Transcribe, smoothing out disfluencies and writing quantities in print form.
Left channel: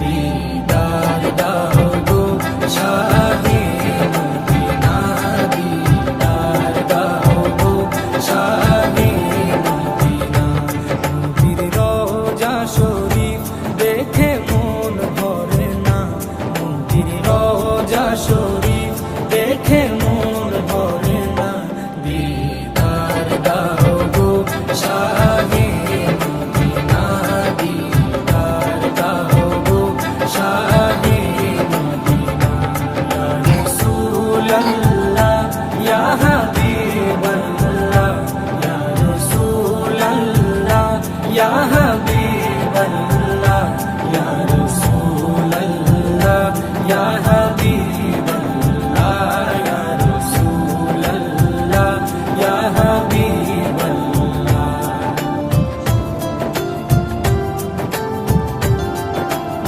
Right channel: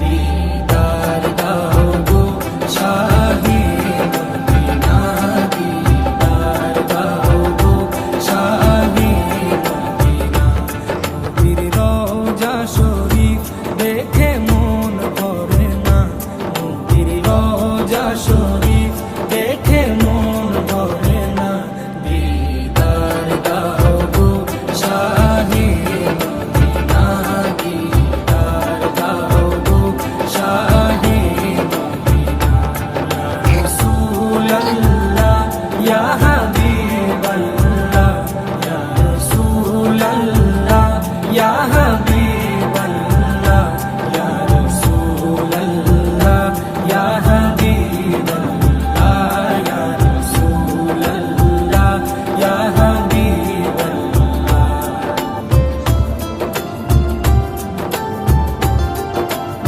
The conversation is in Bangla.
দিদার দাও গো শাহে মদিনা, দিদার দাও গো শাহে মদিনা। নবীর রওজা শরীফ দেখে মন ভরে না, নবীর রওজা শরীফ দেখে মন ভরে না। দিদার দাও গো শাহে মদিনা, দিদার দাও গো শাহে মদিনা। ইয়া রাসূলুল্লাহ ইয়া হাবিবাল্লাহ, ইয়া রাসূলুল্লাহ ইয়া হাবিবাল্লাহ, ইয়া রাসূলুল্লাহ ইয়া হাবিবাল্লাহ।